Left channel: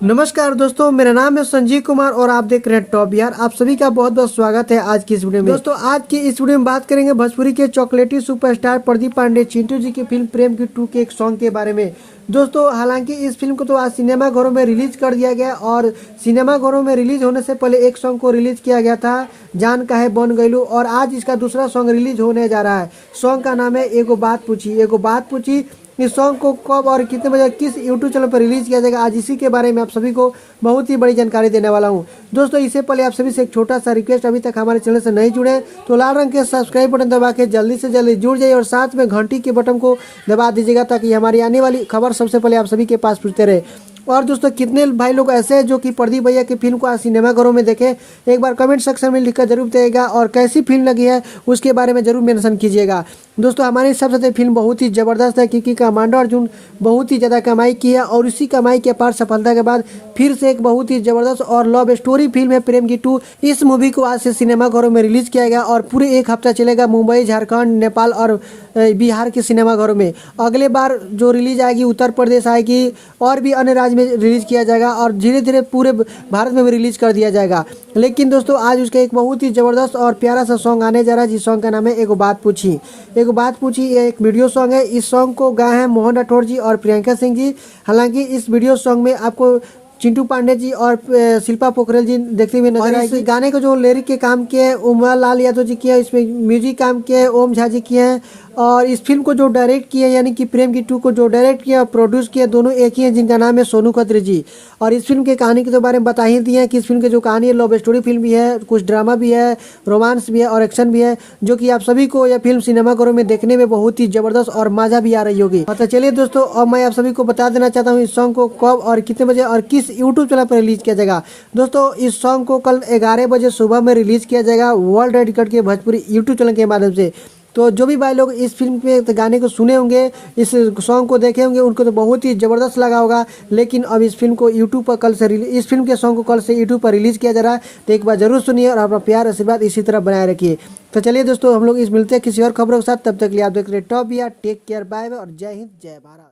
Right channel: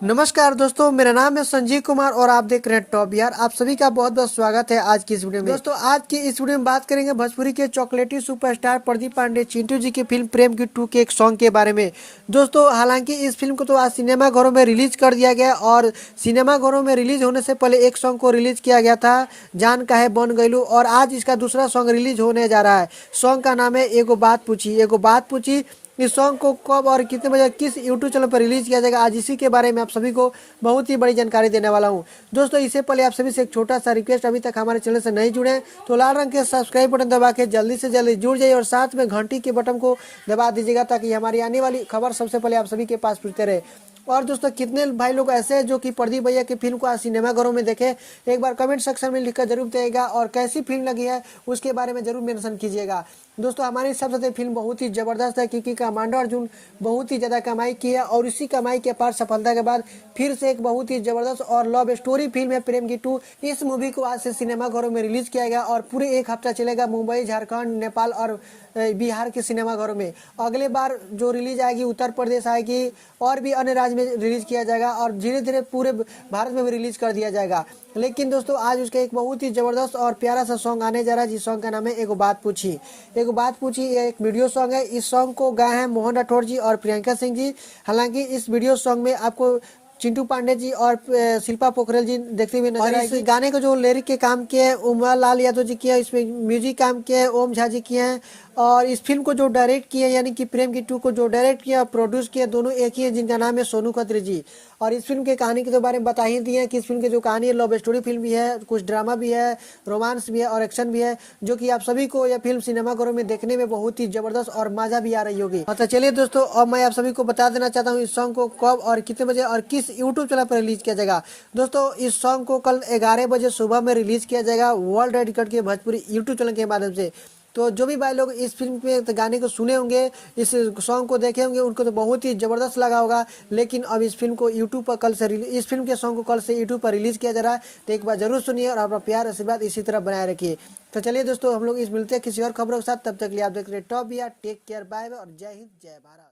नमस्कार दोस्तों, मेरा नाम है संजीव कुमार और आप देख रहे हैं टॉप बिहार। आप सभी का बहुत बहुत स्वागत है आज की इस वीडियो में। दोस्तों आज की इस वीडियो में बात करेंगे भोजपुरी के चॉकलेटी सुपरस्टार प्रदीप पांडे चिंटू जी की फिल्म प्रेम की 2 के एक सॉन्ग के बारे में। दोस्तों हालांकि इस फिल्म को तो आज सिनेमा घरों में रिलीज कर दिया गया और सिनेमा घरों में रिलीज होने से पहले एक सॉन्ग को रिलीज किया गया था, जान काहे बन गइलू, और आज इसका दूसरा सॉन्ग रिलीज होने जा रहा है। सॉन्ग का नाम है एगो बात पूछी। एगो बात पूछी इस सॉन्ग को कब और कितने बजे किस यूट्यूब चैनल पर रिलीज किया जाएगा, आज इसी के बारे में आप सभी को बहुत ही बड़ी जानकारी देने वाला हूं। दोस्तों इससे पहले आप सभी से एक छोटा सा रिक्वेस्ट, अभी तक हमारे चैनल से नहीं जुड़े तो लाल रंग के सब्सक्राइब बटन दबा के जल्दी से जल्दी जुड़ जाइए और साथ में घंटी के बटन को दबा दीजिएगा ताकि हमारी आने वाली खबर सबसे पहले आप सभी के पास पहुंचते रहे। और दोस्तों कितने भाई लोग ऐसे हैं जो कि प्रदीप भैया की फिल्म को आज सिनेमा घरों में देखें, एक बार कमेंट सेक्शन में लिखकर जरूर बताइएगा और कैसी फिल्म लगी है उसके बारे में जरूर मेंशन कीजिएगा। दोस्तों हमारे हिसाब से फिल्म बहुत ही ज़बरदस्त है क्योंकि कमांडो अर्जुन बहुत ही ज़्यादा कमाई की है और इसी कमाई के पार सफलता के बाद फिर से एक बहुत ही ज़बरदस्त और लव स्टोरी फिल्म है प्रेम की 2। इस मूवी को आज से सिनेमा घरों में रिलीज किया गया और पूरे एक हफ्ता चलेगा मुंबई, झारखंड, नेपाल और बिहार के सिनेमा घरों में। अगले बार जो रिलीज आएगी उत्तर प्रदेश आएगी और भी अन्य राज्य में रिलीज किया जाएगा और धीरे धीरे पूरे भारत में भी रिलीज कर दिया जाएगा। लेकिन दोस्तों आज उसका एक बहुत ही ज़बरदस्त और प्यारा सा सॉन्ग आने जा रहा है जिस सॉन्ग का नाम है एगो बात पूछी। एगो बात पूछी ये एक वीडियो सॉन्ग है। इस सॉन्ग को गाए हैं मोहन राठौर जी और प्रियंका सिंह जी। हालांकि इस वीडियो सॉन्ग में आपको चिंटू पांडे जी और शिल्पा पोखरेल जी देखते हुए नजर आएगी। गाने को जो लिरिक के काम किए हैं उमा लाल यादव जी किया है, इसमें म्यूजिक काम किया है ओम झा जी किए हैं और इस फिल्म को जो डायरेक्ट किया यानी कि प्रेम की 2 को जो डायरेक्ट किया और प्रोड्यूस किया दोनों एक ही हैं जिनका नाम है सोनू खत्री जी। और इस फिल्म की कहानी के बारे में बता ही दिए हैं कि इस फिल्म की जो कहानी है लव स्टोरी फिल्म भी है, कुछ ड्रामा भी है, रोमांस भी है और एक्शन भी है, जो कि आप सभी को यह फिल्म सिनेमा घरों में देखने में बहुत ही जबरदस्त और मजा भी आ रही होगी। तो चलिए दोस्तों अब मैं आप सभी को बता देना चाहता हूँ इस सॉन्ग को कब और कितने बजे और किस यूट्यूब चैनल पर रिलीज किया जाएगा। दोस्तों इस सॉन्ग को कल 11 बजे सुबह में रिलीज किया जाएगा वर्ल्ड रिकॉर्ड के भोजपुरी यूट्यूब चैनल के माध्यम से। तो जो भी भाई लोग इस फिल्म के गाने को सुने होंगे, इस सॉन्ग को देखे होंगे, उनको तो बहुत ही ज़बरदस्त लगा होगा। लेकिन अब इस फिल्म को यूट्यूब पर इस फिल्म के सॉन्ग को कल से यूट्यूब पर रिलीज किया जा रहा है, तो एक बार जरूर सुनिए और अपना प्यार आशीर्वाद इसी तरह बनाए रखिए। तो चलिए दोस्तों हम लोग मिलते हैं किसी और खबरों के साथ, तब तक के लिए आप देख रहे top Bihar. Take care, bye bye और जय हिंद जय भारत।